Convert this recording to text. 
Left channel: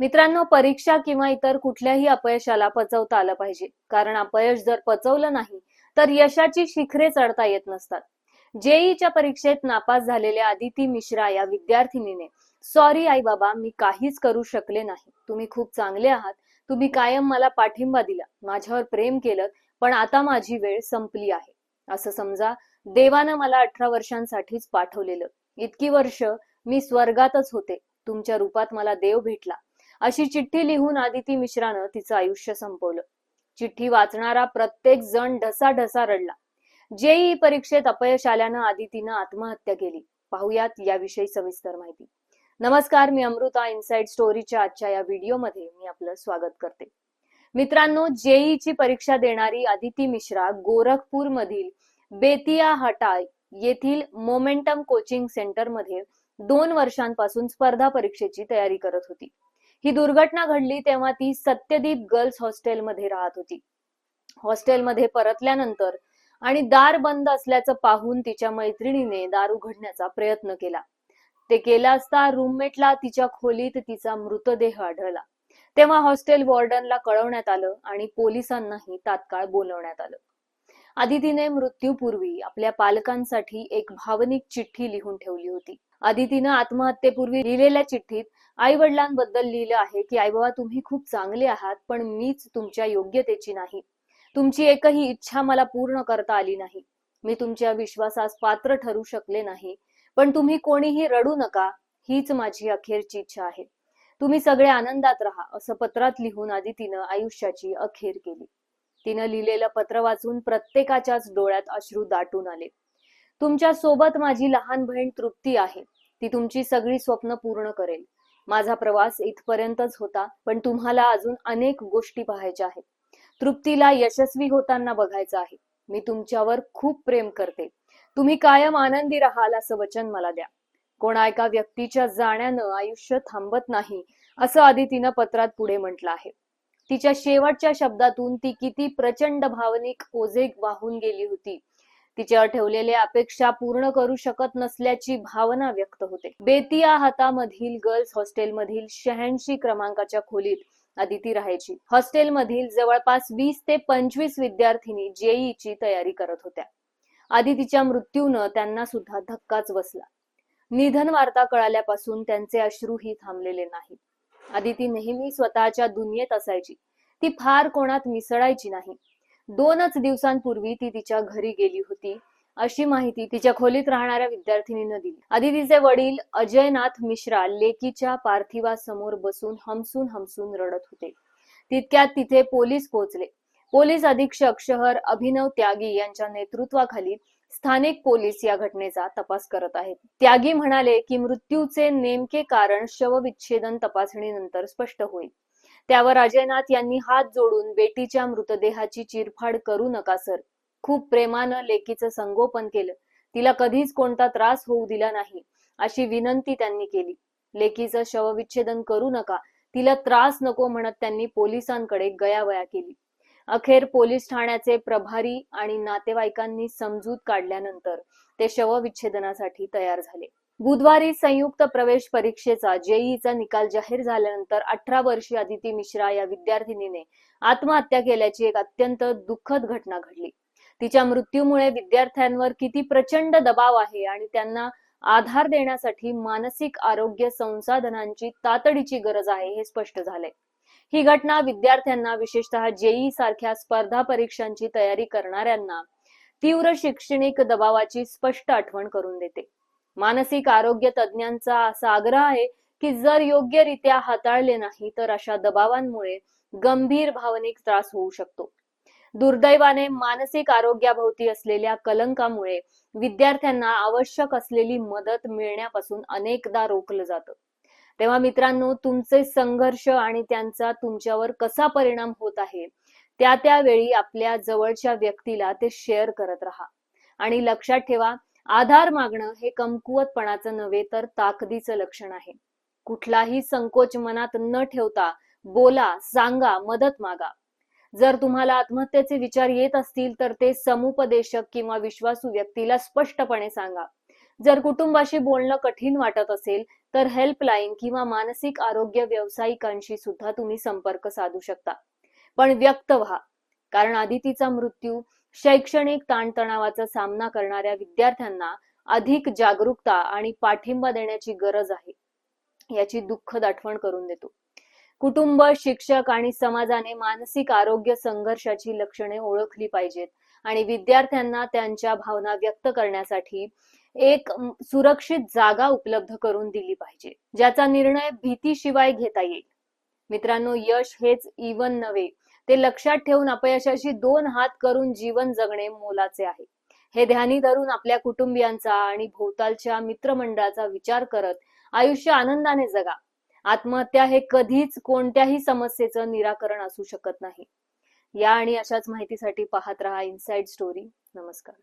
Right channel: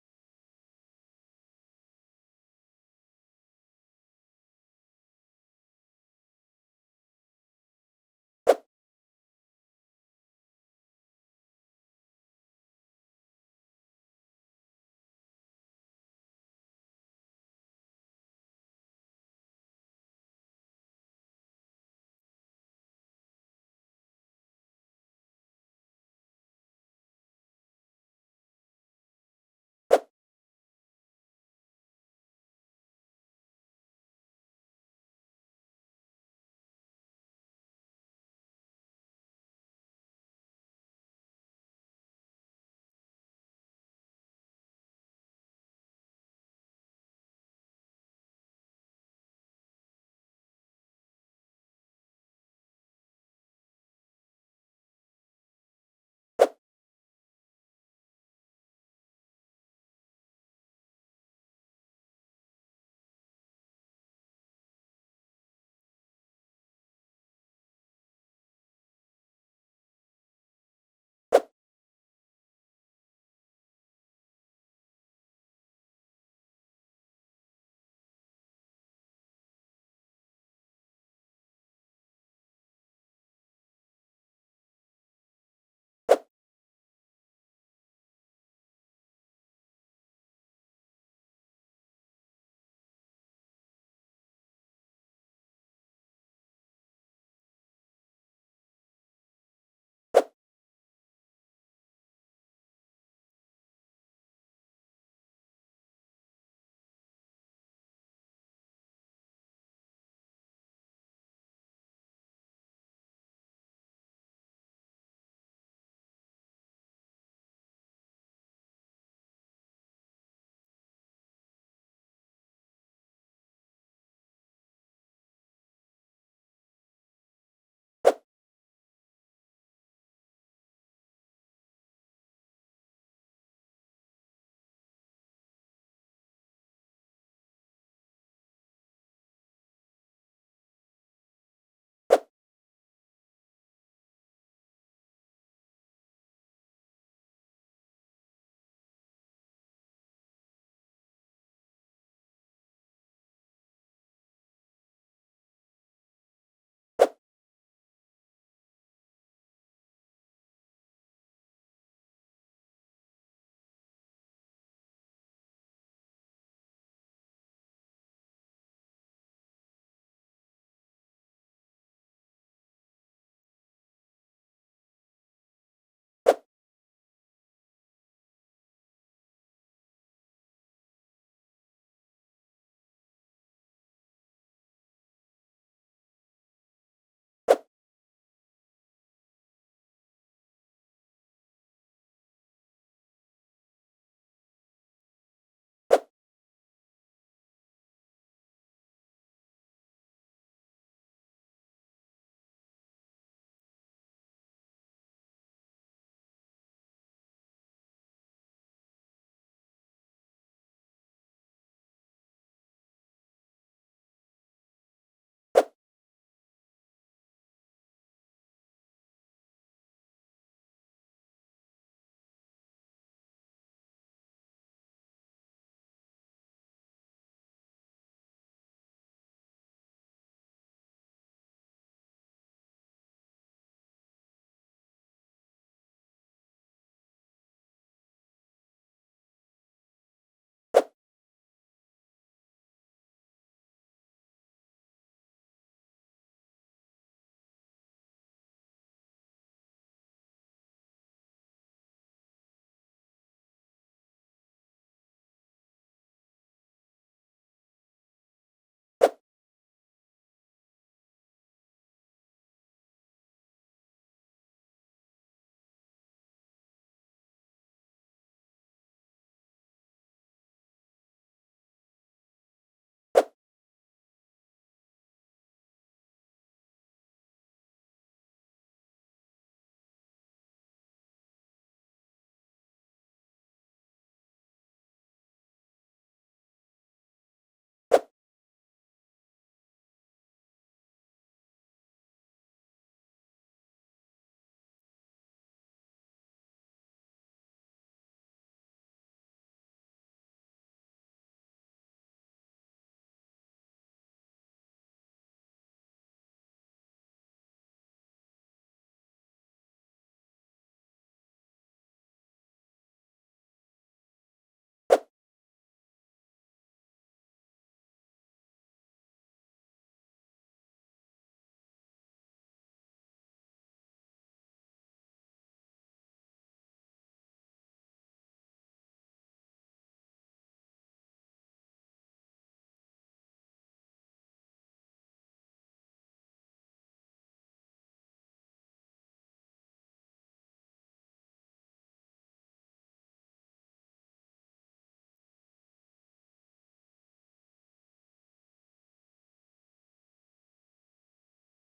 मित्रांनो परीक्षा किंवा इतर कुठल्याही अपयशाला पचवता आलं पाहिजे. कारण अपयश जर पचवलं नाही तर यशाची शिखरे चढता येत नसतात. जेईच्या परीक्षेत नापास झालेल्या आदिती मिश्रा या विद्यार्थिनीने सॉरी आई बाबा मी काहीच करू शकले नाही. तुम्ही खूप चांगले आहात. तुम्ही कायम मला पाठिंबा दिला. माझ्यावर प्रेम केलं पण आता माझी वेळ संपली आहे. असं समजा देवानं मला अठरा वर्षांसाठीच पाठवलेलं. इतकी वर्ष मी स्वर्गातच होते. तुमच्या रूपात मला देव भेटला. अशी चिठ्ठी लिहून आदिती मिश्रानं तिचं आयुष्य संपवलं. चिठ्ठी वाचणारा प्रत्येक जण ढसाढसा रडला. जेई परीक्षेत अपयश आल्यानं आदितीनं आत्महत्या केली. पाहुयात याविषयी सविस्तर माहिती. नमस्कार मी अमृता इनसाइड स्टोरीच्या आजच्या या व्हिडिओमध्ये मी आपलं स्वागत करते. मित्रांनो जेईची परीक्षा देणारी आदिती मिश्रा गोरखपूर मधील बेतिया हटा येथील मोमेंटम कोचिंग सेंटरमध्ये दोन वर्षांपासून स्पर्धा परीक्षेची तयारी करत होती. ही दुर्घटना घडली तेव्हा ती सत्यदीप गर्ल्स हॉस्टेलमध्ये राहत होती. हॉस्टेलमध्ये परतल्यानंतर आणि दार बंद असल्याचं पाहून तिच्या मैत्रिणीने दार उघडण्याचा प्रयत्न केला. ते केला असता रूममेटला तिच्या खोलीत तिचा मृतदेह आढळला. तेव्हा हॉस्टेल वॉर्डनला कळवण्यात आलं आणि पोलिसांनाही तात्काळ बोलवण्यात आलं. आदितीने मृत्यूपूर्वी आपल्या पालकांसाठी एक भावनिक चिठ्ठी लिहून ठेवली होती. आदितीनं आत्महत्येपूर्वी लिहिलेल्या चिठ्ठीत आई वडिलांबद्दल लिहिलं आहे की आई बाबा तुम्ही खूप चांगले आहात पण मीच तुमच्या योग्यतेची नाही. तुमची एकही इच्छा मला पूर्ण करता आली नाही. मी तुमच्या विश्वासास पात्र ठरू शकले नाही. पण तुम्ही कोणीही रडू नका हीच माझी अखेरची इच्छा आहे. तुम्ही सगळे आनंदात राहा असं पत्रात लिहून आदितीनं आयुष्याची अखेर केली. तिनं लिहिलेलं पत्र वाचून प्रत्येकाच्याच डोळ्यात अश्रू दाटून आले. तुमच्यासोबत माझी लहान बहीण तृप्ती आहे. ती तुमची सगळी स्वप्न पूर्ण करेल. माझा प्रवास इथपर्यंतच होता पण तुम्हाला अजून अनेक गोष्टी पाहायच्या आहेत. तृप्तीला यशस्वी होताना बघायचं आहे. मी तुमच्यावर खूप प्रेम करते. तुम्ही कायम आनंदी राहाल असं वचन मला द्या. कोणा एका व्यक्तीच्या जाण्यानं आयुष्य थांबत नाही असं आदितीनं पत्रात पुढे म्हटलं आहे. तिच्या शेवटच्या शब्दातून ती किती प्रचंड भावनिक ओझे वाहून गेली होती. तिच्या ठेवलेल्या अपेक्षा पूर्ण करू शकत नसल्याची भावना व्यक्त होते. बेतिया हातामधील गर्ल्स हॉस्टेलमधील शहाऐंशी क्रमांकाच्या खोलीत अदिती राहायची. हॉस्टेलमधील जवळपास वीस ते पंचवीस विद्यार्थिनी जेईची तयारी करत होत्या. आदितीच्या मृत्यूनं त्यांना सुद्धा धक्काच बसला. निधन वार्ता कळाल्यापासून त्यांचे अश्रूही थांबलेले नाही आदिती नेहमी स्वतःच्या दुनियेत असायची. ती फार कोणात मिसळायची नाही. दोनच दिवसांपूर्वी ती तिच्या घरी गेली होती. अशी माहिती तिच्या खोलीत राहणाऱ्या विद्यार्थिनीनं दिली. आदितीचे वडील अजयनाथ मिश्रा लेकीच्या पार्थिवासमोर बसून हमसून हमसून रडत होते. तितक्यात तिथे पोलीस पोहोचले. पोलीस अधीक्षक शहर अभिनव त्यागी यांच्या नेतृत्वाखाली स्थानिक पोलीस या घटनेचा तपास करत आहेत. त्यागी म्हणाले की मृत्यूचे नेमके कारण शवविच्छेदन तपासणीनंतर स्पष्ट होईल. त्यावर अजयनाथ यांनी हात जोडून बेटीच्या मृतदेहाची चिरफाड करू नका सर. खूप प्रेमानं लेकीचं संगोपन केलं. तिला कधीच कोणता त्रास होऊ दिला नाही अशी विनंती त्यांनी केली. लेकीचं शवविच्छेदन करू नका तिला त्रास नको म्हणत त्यांनी पोलिसांकडे गयावया केली. अखेर पोलीस ठाण्याचे प्रभारी आणि नातेवाईकांनी समजूत काढल्यानंतर ते शवविच्छेदनासाठी तयार झाले. बुधवारी संयुक्त प्रवेश परीक्षेचा जेईचा निकाल जाहीर झाल्यानंतर अठरा वर्षीय अदिती मिश्रा या विद्यार्थिनीने आत्महत्या केल्याची एक अत्यंत दुःखद घटना घडली. तिच्या मृत्यूमुळे विद्यार्थ्यांवर किती प्रचंड दबाव आहे आणि त्यांना आधार देण्यासाठी मानसिक आरोग्य संसाधनांची तातडीची गरज आहे हे स्पष्ट झाले. ही घटना विद्यार्थ्यांना विशेषतः जेई सारख्या स्पर्धा परीक्षांची तयारी करणाऱ्यांना तीव्र शैक्षणिक दबावाची स्पष्ट आठवण करून देते. मानसिक आरोग्य तज्ज्ञांचा असा आग्रह आहे की जर योग्यरित्या हाताळले नाही तर अशा दबावांमुळे गंभीर भावनिक त्रास होऊ शकतो. दुर्दैवाने मानसिक आरोग्याभोवती असलेल्या कलंकामुळे विद्यार्थ्यांना आवश्यक असलेली मदत मिळण्यापासून अनेकदा रोखलं जातं. तेव्हा मित्रांनो तुमचे संघर्ष आणि त्यांचा तुमच्यावर कसा परिणाम होत आहे त्या त्यावेळी आपल्या जवळच्या व्यक्तीला ते शेअर करत राहा. आणि लक्षात ठेवा आधार मागणं हे कमकुवतपणाचं नव्हे तर ताकदीचं लक्षण आहे. कुठलाही संकोच मनात न ठेवता बोला सांगा मदत मागा. जर तुम्हाला आत्महत्येचे विचार येत असतील तर ते समुपदेशक किंवा विश्वासू व्यक्तीला स्पष्टपणे सांगा. जर कुटुंबाशी बोलणं कठीण वाटत असेल तर हेल्पलाईन किंवा मानसिक आरोग्य व्यावसायिकांशी सुद्धा तुम्ही संपर्क साधू शकता. पण व्यक्त व्हा कारण आदितीचा मृत्यू शैक्षणिक ताणतणावाचा सामना करणाऱ्या विद्यार्थ्यांना अधिक जागरूकता आणि पाठिंबा देण्याची गरज आहे याची दुःखद आठवण करून देतो. कुटुंब शिक्षक आणि समाजाने मानसिक आरोग्य संघर्षाची लक्षणे ओळखली पाहिजेत आणि विद्यार्थ्यांना त्यांच्या भावना व्यक्त करण्यासाठी एक सुरक्षित जागा उपलब्ध करून दिली पाहिजे ज्याचा निर्णय भीतीशिवाय घेता येईल. मित्रांनो यश हेच इवन नव्हे ते लक्षात ठेवून अपयशाशी दोन हात करून जीवन जगणे मोलाचे आहे. हे ध्यानी धरून आपल्या कुटुंबियांचा आणि भोवतालच्या मित्रमंडळाचा विचार करत आयुष्य आनंदाने जगा. आत्महत्या हे कधीच कोणत्याही समस्येचं निराकरण असू शकत नाही. या आणि अशाच माहितीसाठी पाहत रहा इनसाइड स्टोरी नमस्कार.